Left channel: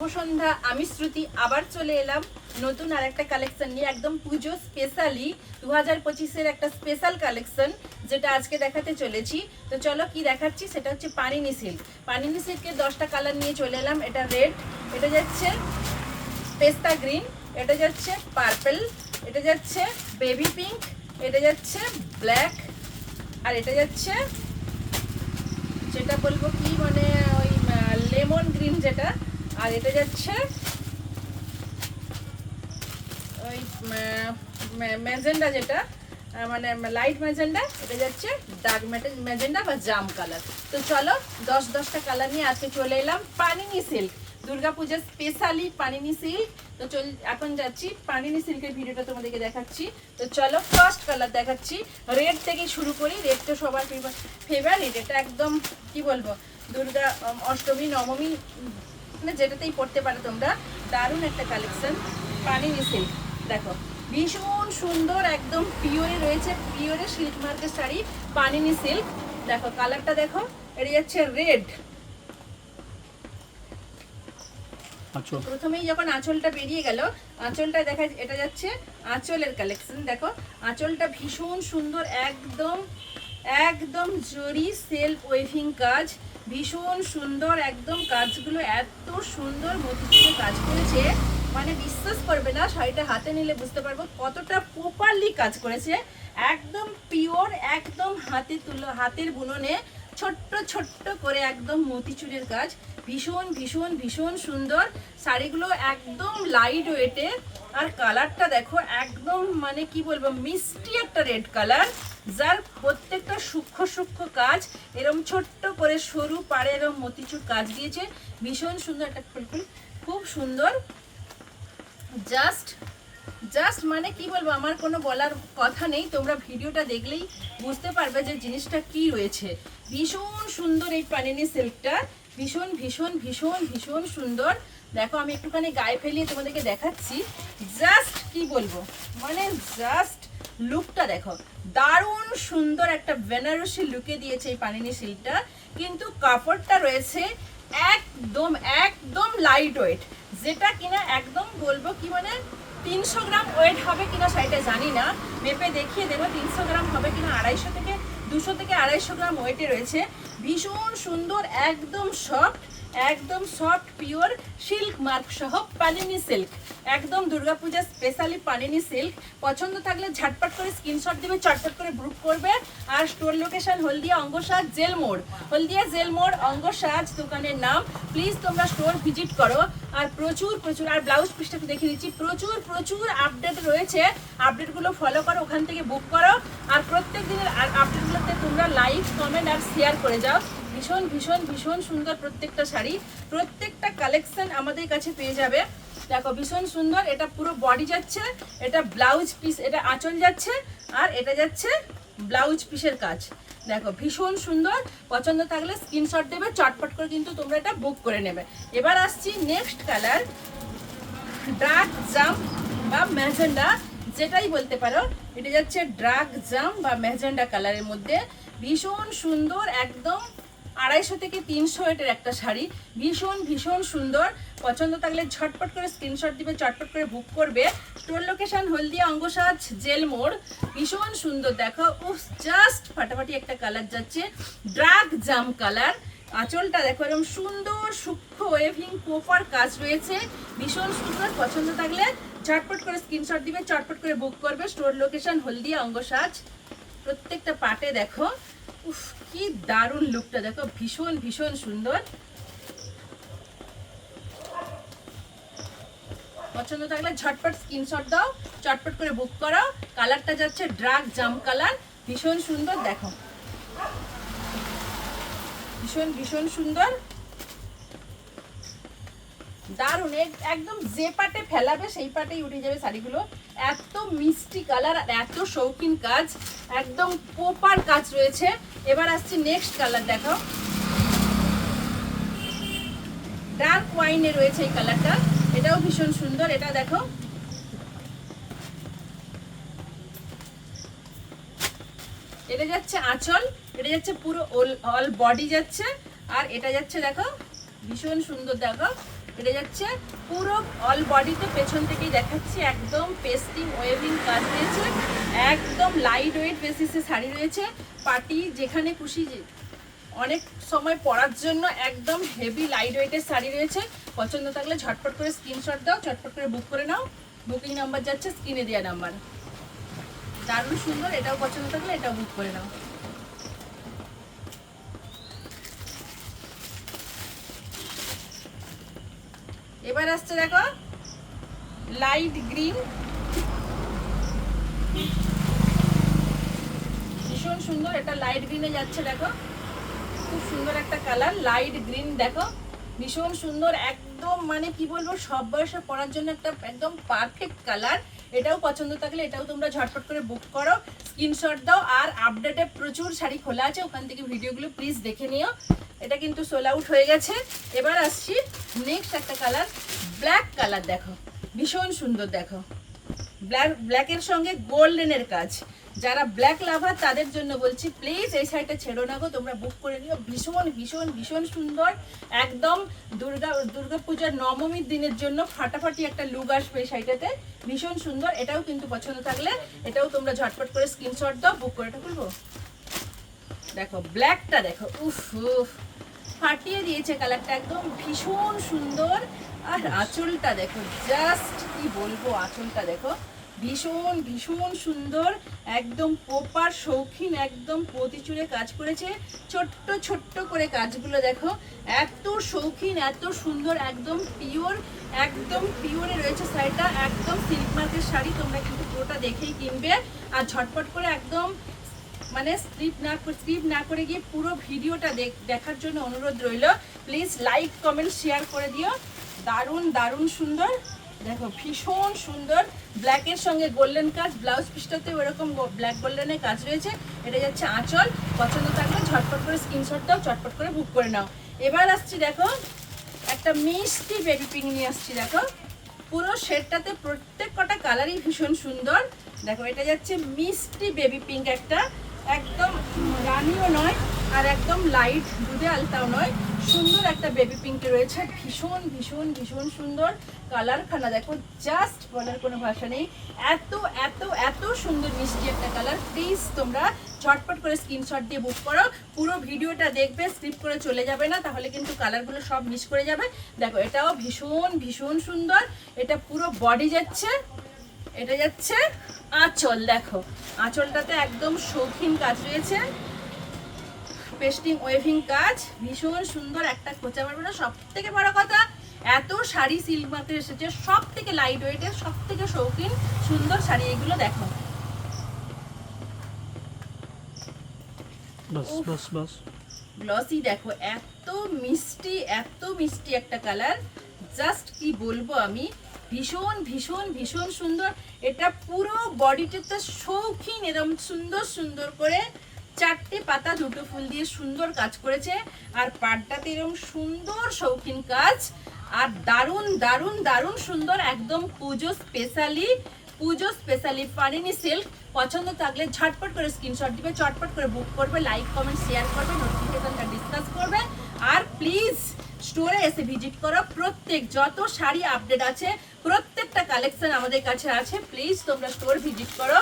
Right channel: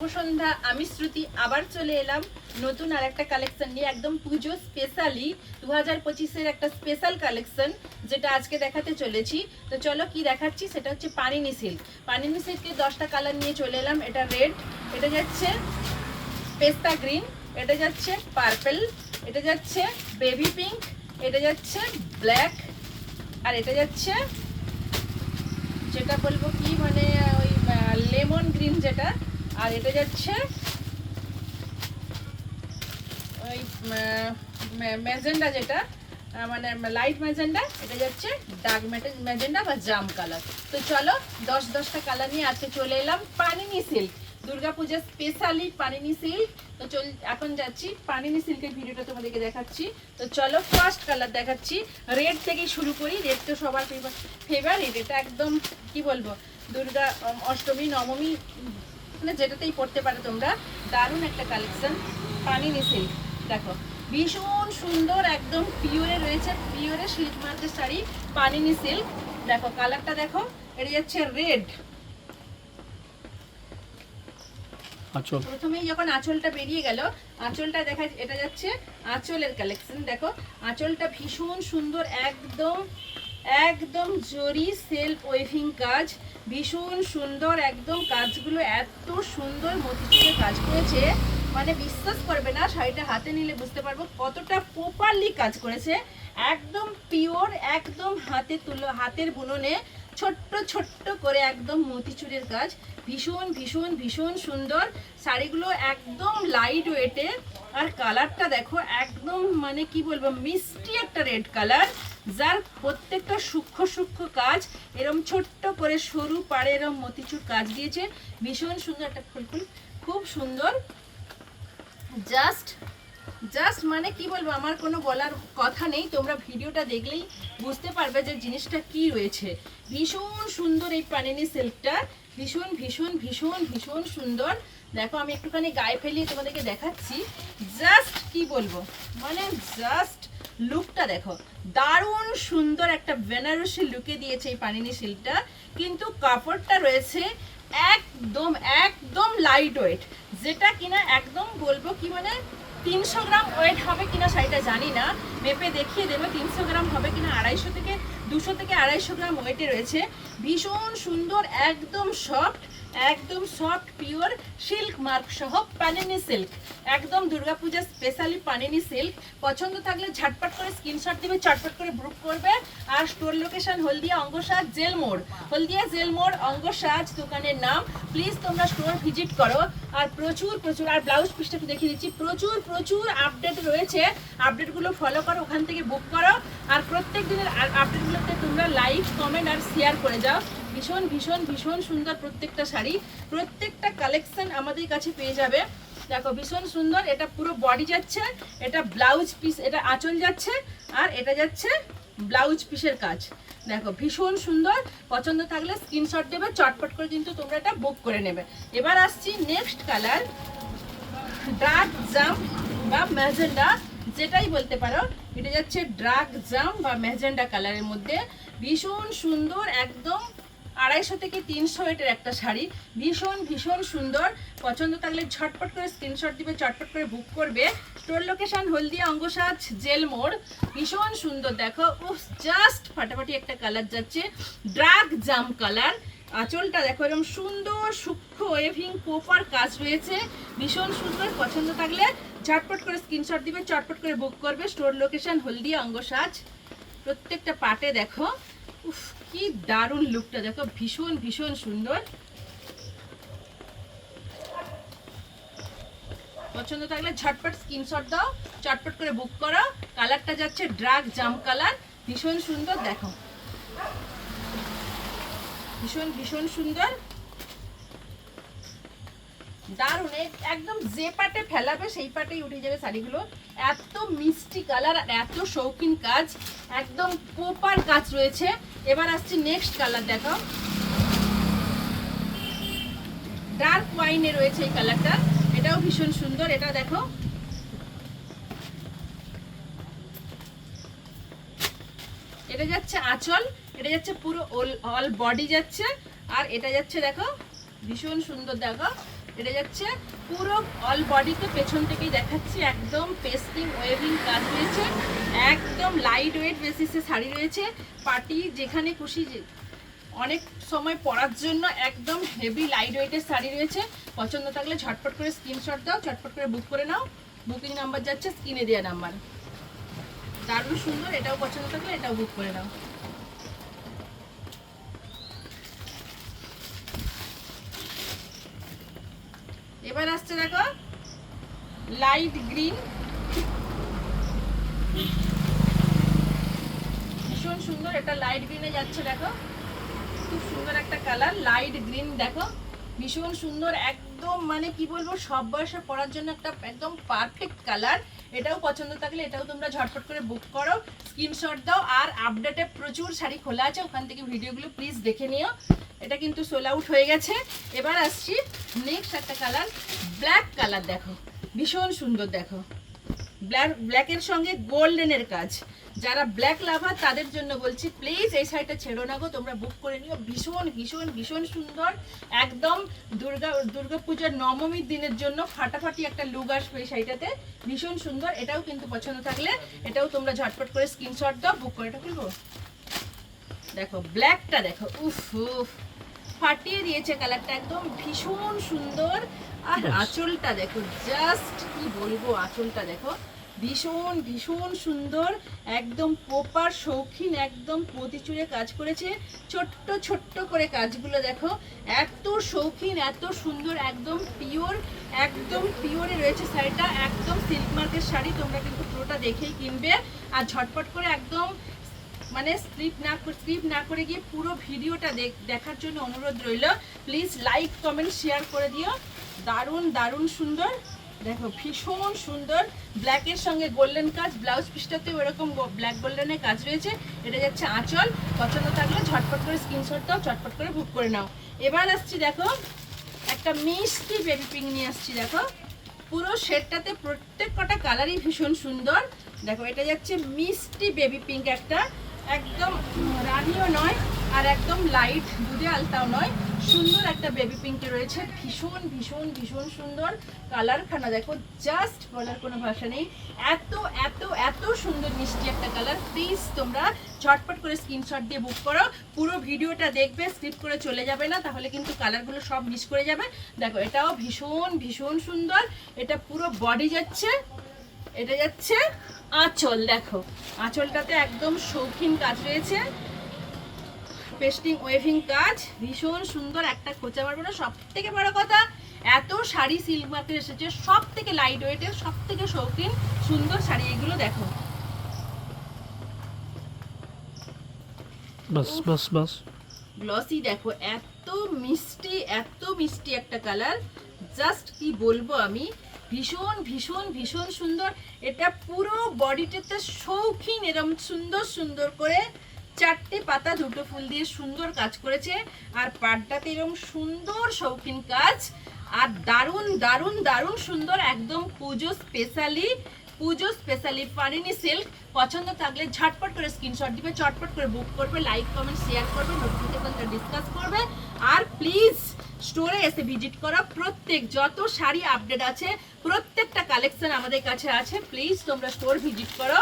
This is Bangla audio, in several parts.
সন্ধ্যা, আমি শ্রুতি আবার চলে এলাম নতুন আর একটা কালেকশন নিয়ে, একদম পুজো স্পেশালি 2025-এর একটা স্পেশাল কালেকশন যেটা আজকে দেখাতে চলেছি। তো চলো কি দেখাচ্ছি, সেটা হচ্ছে পানিনি সিল্ক। পানিনি সিল্কের 10টা কালার নিয়ে চলে এলাম। এটা রেড, এটা যাচ্ছে পেস্তা গ্রিন, এটা যাচ্ছে পার্পল, এটা যাচ্ছে বেবি পিঙ্ক, এটা যাচ্ছে ব্ল্যাক, আর এটা যাচ্ছে যেটা বলবো কি মানে ওই লেমন গ্রিন যেটা, আর এটা যাচ্ছে ওই ম্যাজেন্ডা যেটা মানে লাইট ম্যাজেন্ডা, এটা যাচ্ছে ডার্ক ম্যাজেন্ডা বা জাম কালার। তো চলো 10টা কালার নিয়ে আজকে চলে এলাম পানিনি সিল্ক, দুর্গাপূজার স্পেশালি পানিনি সিল্ক। তো এখন যাচ্ছি পানিনি সিল্কের ভিডিওটা তোমাদেরকে দেখাচ্ছি। তো চলো ফার্স্ট কালার দেখাচ্ছি, রেড থেকে শুরু করি। রেড তো সবার ফেভারিট, এটা একদম কি বলবো দুর্গা অষ্টমী নবমী মানে যেটাতেই পড়তে পারো তোমরা। দারুণ একটা কালেকশন পানিনি সিল্ক, দেখো ভীষণ সুন্দর, একদম পিওরে রয়েছে, পিওরে সিল্ক মার্কের শাড়ি পানিনি সিল্ক। দেখো কালারটা দেখো, এটা যাচ্ছে রেড। প্রথমেই যখন আঁচলটা বেরিয়ে গেল, আঁচলটা দেখা, এটা যাচ্ছে আঁচলের কালেকশন। দেখো আঁচলটা ভীষণ সুন্দর, একদম একদম জরি সেলফ ওয়েভিং কাজ, ভীষণ সুন্দর, একদম কাজগুলো এত সুন্দর মতিতে কাজ করেছে, মানে বিশ্বাস করবে না, শাড়িটা হাতে নিলে বুঝতে পারবো কতটা প্রপারলি কাজ করেছে। একদম পিওর, একদম হাতে তুলো, হাতের বুননে ছোট্ট ছোট্ট করে একদম মতিচুরের কাজ, ভীষণ ভীষণ ভীষণ সুন্দর। শাড়িগুলো একদম লাইট ওয়েটে, আর কালারটা দেখো একদম মানে কি বলবো মিষ্টি একটা রেড কালার, যার প্রত্যেকটা সূক্ষ্ম সূক্ষ্ম কাজ, এরম ছোট্ট করে সরু পাড়ে এরম মতিচুর কাজ দিয়েছে, ভীষণ সুন্দর একটা ফুলফুল, খুব সুন্দর। জাস্ট মানে কি বলবো, আমার কোনো বলার কথা নেই, তোমরা ভিডিওটা দেখলেই বুঝতে পারবে যে জিনিসটা কি রয়েছে। ভীষণ সুন্দর এই পানিনি সিল্কটা, ভীষণ ভীষণ ভীষণ ভীষণ সুন্দর। দেখো আমি একটুখানি গায়ে ফেলিয়ে তোমাদেরকে দেখাচ্ছি, জাস্ট কি বলবো মানে জাস্ট লুকটা দেখো, দারুণ সুন্দর একটা বেনারসি লুকে দিয়েছে এই পানিনি সিল্কটা। কিন্তু কাপড়টা রয়েছে একদম একদম লাইট ওয়েট, যেটা কিনা একদম বলবো কি মানে 300 গ্রাম ওয়েট হবে কিনা শাড়িটা জানি না, মেপে দেখিয়ে দেবো 300 গ্রাম হবে কিনা। 200 থেকে 250 গ্রাম ওয়েটে রয়েছে, ভীষণ সুন্দর, একদম সফট পিওর সিল্ক মার্ক সহ পানিনি সিল্ক, একদম দুর্গাপূজা স্পেশালি পানিনি সিল্ক। পছন্দ থাকলে ঝটপট করে স্ক্রিনশট দেবে, চটপট করে বুক করবে। আর স্টোর লোকেশন হলদিয়া অঙ্গসাজ জেল মোড়, হলদিয়া জেল মোড় অঙ্গসাজ দোকানের নাম। প্লিজ তোমরা স্টোর ভিজিট করো। আর প্রচুর প্রচুর, আর ব্লাউজ পিসটা দেখিয়ে দিচ্ছি, প্রচুর প্রচুর আপডেট রয়েছে, আপডেটগুলো ফলো করো, ওখান থেকে বুক করো। আর প্রত্যেক দিনের আপডেটগুলোতে তোমরা লাইক কমেন্ট আর শেয়ার করে যাও। ভীষণ ভীষণ ভীষণ সুন্দর প্রত্যেকটা শাড়ি, প্রত্যেকটা কালেকশন আমাদের কাছে পেয়ে যাবে। দেখো ভীষণ সুন্দর, এটা পুরো বডি যাচ্ছে, এটা ব্লাউজ পিস, এটা আঁচল যাচ্ছে, আর এটা যাচ্ছে ব্লাউজ পিসের কাজ। দেখো ভীষণ সুন্দর, পছন্দ থাকলে স্ক্রিনশট দেবে, চটপট করে কিন্তু তোমরা এটা বুক করে নেবে। এবার আসছি নেক্সট কালার, ডার্ক জাম বা ম্যাজেন্ডা যেটাই বলতে পারো, এটা যাচ্ছে ডার্ক জাম বা ম্যাজেন্ডা কালারের মধ্যে, ভীষণ সুন্দর, একদম 250 থেকে 300 এর একটা শাড়ি, ভীষণ ভীষণ সুন্দর। পছন্দ থাকলে ঝটপট করে স্ক্রিনশট দিবে, চটপট করে বুক করবে। স্টোর লোকেশন হলদিয়া অঙ্গসাজ জেল মোড়, ভীষণ সুন্দর। দেখো উফ, জাস্ট ফাটাফাটি একটা কালার যাচ্ছে, ডার্ক জাম কালার। আঁচলটা দেখো এরকম সুন্দর সূক্ষ্ম ওয়েভিং কোপার কাজ রয়েছে, ভীষণ সুন্দর। পছন্দ থাকলে ঝটপট করে স্ক্রিনশট দিবে, চটপট করে বুক করবে। স্টোর লোকেশন হলদিয়া অঙ্গসাজ। প্রত্যেকটা পাটে দেখো উফ কি দারুণ লুকটা, দেখো ভীষণ ভীষণ সুন্দর। পছন্দ থাকলে ঝটপট স্ক্রিনশট দাও, চটপট করে বুক করো। কালারটা যাচ্ছে ডার্ক জাম কালার, ভীষণ সুন্দর। দেখো ভীষণ ভীষণ সুন্দর, দারুণ, একদম যে পাটে ফেলাবে সেই পাটেই উঠে যাবে শাড়িগুলো। এত মিষ্টি কালার আর এত শৌখিন কাজ, একদম প্রপার কাজ রয়েছে। এবার আসছি নেক্সট কালার, দেখো ডার্ক ওয়াইনে রয়েছে এই কালারটা, এটাও ভীষণ সুন্দর। এটা দেখো এটা যাচ্ছে আঁচল, এটা যাচ্ছে পুরো অল বডি যাচ্ছে, আর এটা যাচ্ছে দেখো ভীষণ সুন্দর। দেখো এটা যাচ্ছে পুরো অল বডিতে, পেছন থেকেই দেখাচ্ছি, একদম পেস্টিং ওয়েভিং কাজ রয়েছে, একদম লাইট ওয়েট বেসিসে শাড়ি রয়েছে। পার্টি যেখানে খুশি অনেক সময় পরার জন্য একদম হেভি লাইট ওয়েটের শাড়ি রয়েছে। পছন্দ থাকলে ঝটপট করে স্ক্রিনশট দাও, ঝটপট করে বুক করে নাও। বুকিং নাম্বার যাচ্ছে স্ক্রিনে দেওয়া নাম্বার। দারুণ সুন্দর, এটাও পছন্দ থাকলে এটাও বুক করে নাও। এবার আসছে দেখো লাইট গ্রিন, ভীষণ সুন্দর, এটা লাইট গ্রিনে যাচ্ছে। দেখো খুব সুন্দর একটা কালার, লাইট গ্রিন। দেখো ভীষণ সুন্দর, একদম মানে কি বলবো, সব বয়সে পরার জন্য একটা একদম পারফেক্ট কালার। এটাও পছন্দ থাকলে এটাও তোমরা ঝটপট করে বুক করো, স্ক্রিনশট দাও। আর আপডেটে প্রচুর শাড়ি খোলা আছে, ওখান থেকে ভিডিওগুলো প্লিজ দেখে নিও। এটা কিন্তু সোল আউট হয়ে গেছে। এবার আসছি নেক্সট একটা কালার, ব্ল্যাক কালার। দেখো ভীষণ সুন্দর, দেখো ব্ল্যাকের সঙ্গে গোল্ডেনের কাজ। যারা ব্ল্যাক লাভার তাদের জন্য বলছি, প্লিজ এই শাড়িটা ছেড়ো না গো, তোমরা বুক করে নিও। ভীষণ ভীষণ ভীষণ সুন্দর, একদম দুর্গা পূজার নবমীর দিনের জন্য ফাটাফাটি একটা লুক আসবে এই শাড়িটাতে। ভীষণ সুন্দর, এটাও কিন্তু পছন্দ থাকলে এটাও তোমরা ঝটপট করে স্ক্রিনশট দাও, বুক করে। এটা খুলবো, দেখো ব্ল্যাকটা, দেখো উফ উফ ফাটিয়ে দিয়েছে কালারটা, একদম ভীষণ সুন্দর। আর আঁচলটা দেখো, জাস্ট কি বলবো, আঁচলটা দেখো ভীষণ ভীষণ সুন্দর, একদম প্রপার শৌখিন, একদম প্রতিচুরে কাজ করেছে, ছোট্ট ছোট্ট করে কাজগুলো দেখো, এত শৌখিন, এত সুন্দর, একদম পিওরে রয়েছে শাড়িটা, একদম সিল্ক মার্কের শাড়ি। তোমরা কিন্তু পুরোটা দেখেই কিনবে, আর ঝটপট করে একদম মানে স্কিপ না করে গিয়ে পুরো ভিডিওটা দেখার জন্য অনুরোধ রইল। প্লিজ লাইক কমেন্ট শেয়ার করে দিও। দারুণ দারুণ সুন্দর, দেখো ভীষণ সুন্দর, ব্ল্যাকের সঙ্গে গোল্ডেন কাজ, ব্লাউজ পিসটাতে ওরকম ব্ল্যাক গোল্ডেনের কাজ রয়েছে। এটা যাচ্ছে আঁচল, পছন্দ থাকলে ঝটপট করে স্ক্রিনশট দাও, ঝটপট করে বুক করে নাও। এবার আসছি দেখো একটা মিষ্টি বেবি পিঙ্ক নিয়ে আসছি। দেখো পুরো শেডটাতে প্রত্যেক কটা কালারই ভীষণ সুন্দর। দেখো এটা যাচ্ছে মিষ্টি বেবি পিঙ্ক, একটা একদম রানিও নয় আর একদম লাইট দুধে আলতাও নয়, সুন্দর একটা বেবি পিঙ্ক রয়েছে। ভীষণ ভীষণ ভীষণ সুন্দর কালারখানা, দেখো জাস্ট বলার কোনো ভাষা নেই, এত এত এত সুন্দর মিষ্টি একটা কালার। প্লিজ তোমরা ঝটপট করে স্ক্রিনশট দিয়ে বুক করো, পুরো ভিডিওটা দেখবে, স্কিপ করে চলে যাবে না, তাহলে কিন্তু কালারগুলো সব মিস করে যাবে। দেখো এটাও ভীষণ ভীষণ সুন্দর, এটা পুরো বডি যাচ্ছে, এটা যাচ্ছে আঁচল। দেখো আঁচলটাতে একদম শৌখিন কাজ রয়েছে, পেস্টিং ওয়েভিং কাজ, ভীষণ সুন্দর, একটা খোঁচা মারবে না। সব থেকে বড় কথা, এত শাড়ি সিল্ক মার্কেট এসেছে, সব থেকে লাইট ওয়েটের, সব থেকে শৌখিন সুন্দর শাড়ি এগুলো। দেখো গ্লসি, দেখো এত মিষ্টি একটা কালার, জাস্ট কি বলবো আমি, ভীষণ ভীষণ ভীষণ সুন্দর। এটা পুরো বডিটাতে শৌখিন, এরকম সুন্দর সুন্দর করে চারটে পাতা দুটো ফুল দিয়ে সুন্দর কাজ করেছে, আর পাড়টাতে এরকম সুন্দর শৌখিন কাজ, আর দারুণ দারুণ দারুণ সুন্দর, একদম পুজো স্পেশালি পানিনি সিল্ক। পছন্দ থাকলে ঝটপট করে স্ক্রিনশট দিবে, চটপট করে বুক করবে, লাইক কমেন্ট শেয়ার করবে, নোটিফিকেশনটা ডিসকাস করবে। আর প্লিজ স্টোরে এসে ভিজিট করো, প্রত্যেক যত শাড়ি আপডেট আছে প্রত্যেকটা কালেকশন আমাদের কাছে আছে। প্লিজ তোমরা স্টোর ভিজিট করো,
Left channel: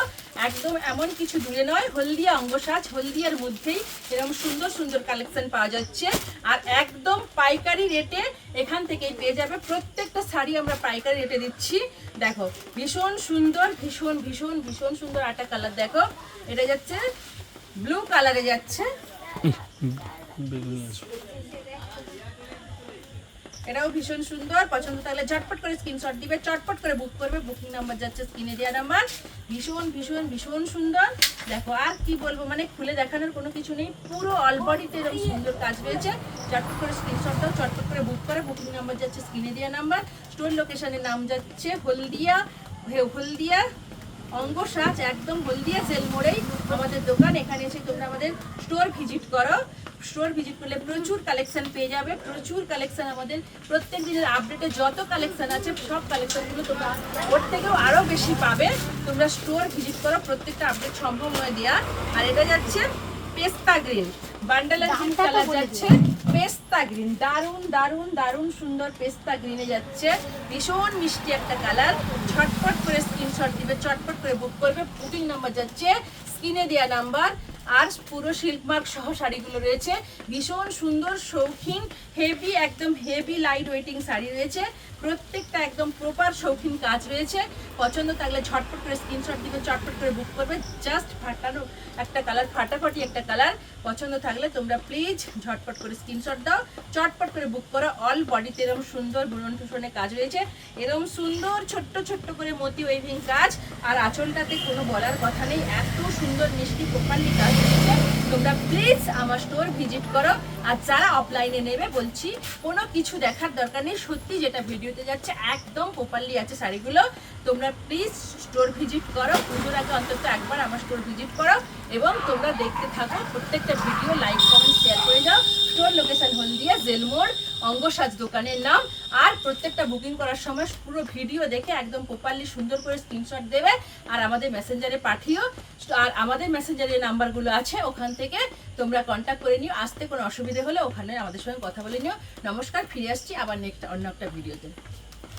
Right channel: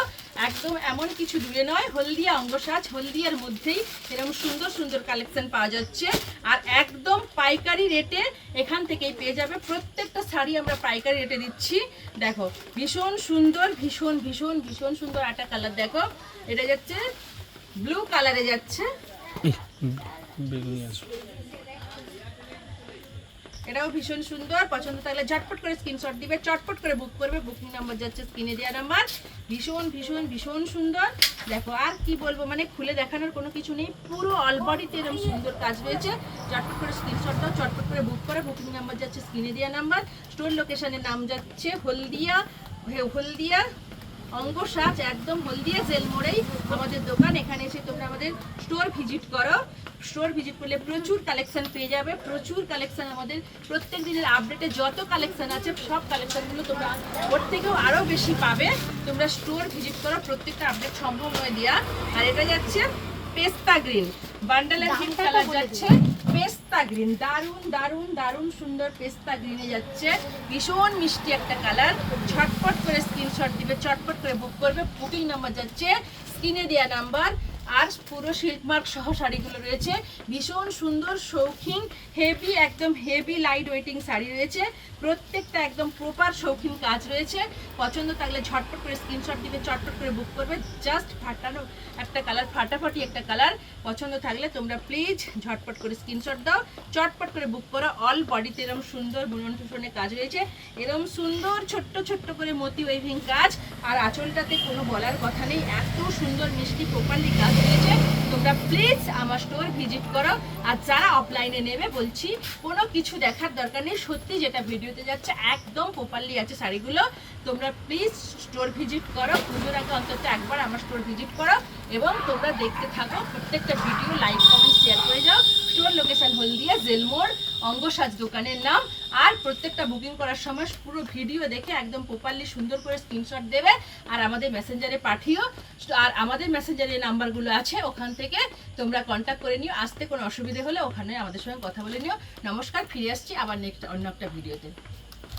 একদম এমন কিছু দূরে নয়, হলদিয়া অঙ্গসাজ, হলদিয়ার মধ্যেই এরকম সুন্দর সুন্দর কালেকশন পাওয়া যাচ্ছে, আর একদম পাইকারি রেটে এখান থেকেই পেয়ে যাবে। প্রত্যেকটা শাড়ি আমরা পাইকারি রেটে দিচ্ছি। দেখো ভীষণ সুন্দর, ভীষণ ভীষণ ভীষণ সুন্দর একটা কালার। দেখো এটা যাচ্ছে ব্লু কালারে যাচ্ছে, এটাও ভীষণ সুন্দর। পছন্দ থাকলে ঝটপট করে স্ক্রিনশট দিবে, চটপট করে বুক করবে, বুকিং নাম্বার যাচ্ছে স্ক্রিনে দেওয়া নাম্বার। ভীষণ ভীষণ ভীষণ সুন্দর, দেখো আর কি বলবো, মানে খুলে দেখানোর কোনো কিছু নেই, পুরো অল বডিতে এরকম সুন্দর কাজ রয়েছে। চটপট করে স্ক্রিনশট দাও, চটপট করে বুক করে, বুকিং নাম্বার যাচ্ছে স্ক্রিনে দেওয়া নাম্বার। স্টোর লোকেশনের নাম যাচ্ছে হলদিয়া অঙ্গসাজ, একদম হলদিয়া জেল মোড়েই আমাদের দোকান। এখানে এসে তোমরা আমাদের স্টোর ভিজিট করো, স্টোর ভিজিট করলে প্রচুর কালেকশন পেয়ে যাবে, প্রচুর কালেকশন আমাদের প্রত্যেক দিনের আপডেটে যত কালেকশন আছে সব কালেকশনগুলো তোমরা ওর থেকেও আরও বেশি পাবে। তোমরা স্টোর ভিজিট করো, প্রত্যেকটা আপডেট সম্ভব নয় দেওয়া। আর এটা যাচ্ছে পেস্তা গ্রিন, বান্ডাল এন্ড পিঙ্ক কালার যাচ্ছে, পেস্তা গ্রিন, দারুণ দারুণ দারুণ সুন্দর পেস্তা গ্রিনে যাচ্ছে, ভীষণ মিষ্টি একটা কালার। ঝটপট করে স্ক্রিনশট দিবে, চটপট করে বুক করবে। বুকিং নাম্বার যাচ্ছে স্ক্রিনে দেওয়া নাম্বার। আর পুরো সিল্ক মার্ক সহ শাড়িগুলো রয়েছে, ভীষণ সুন্দর শৌখিন হেভি, একদম হেভি লাইট ওয়েটিং শাড়ি রয়েছে, প্রত্যেকটা একদম প্রপার শৌখিন কাজ রয়েছে। পছন্দ থাকলে ঝটপট করে স্ক্রিনশট দিবে, চটপট করে বুক করবে। জাস্ট ফাটানো একটা কালার, ফাটাফাটি একটা কালার। পছন্দ থাকলে তোমরা প্লিজ ঝটপট করে স্ক্রিনশট দাও, চটপট করে বুক করো। অল বডিতে এরকম সুন্দর বুনন টুসনের কাজ রয়েছে, এরকম সুন্দর ছোট্ট ছোট্ট করে মতি ওয়েভিং কাজ। আর আঁচলটাতে কোনো বলার কথা নেই, এত সুন্দর মিষ্টি প্রপারলি কাজ রয়েছে। তোমরা প্লিজ আমার স্টোর ভিজিট করো। আর যারা অফলাইনে নেবে বলছি কোনো কিছু দেখার দরকার নেই, সত্যি যেটা ভিডিওতে যাচ্ছে একদম প্রপারলি আছে শাড়িগুলো। তোমরা প্লিজ স্টোর ভিজিট করো, পুজোর আগে অন্তত একবার আমার স্টোর ভিজিট করো এবং তোমরা দেখতে থাকো প্রত্যেকটা ভিডিও, লাইক কমেন্ট শেয়ার করে যাও। স্টোর লোকেশন হলদিয়া জেলমোড়, অঙ্গসাজ দোকানের নাম। আর প্রত্যেকটা বুকিং করার সময় পুরো ভিডিও দেখে একদম প্রপারলি সুন্দর করে স্ক্রিনশট দেবে আর আমাদের মেসেঞ্জারে পাঠিও। আর আমাদের মেসেঞ্জারের নাম্বারগুলো আছে, ওখান থেকে তোমরা কন্ট্যাক্ট করে নিও। আসতে কোনো অসুবিধে হলে ওখানে আমাদের সঙ্গে কথা বলে নিও। নমস্কার, ফিরে আসছি আবার নেক্সট অন্য একটা ভিডিওতে।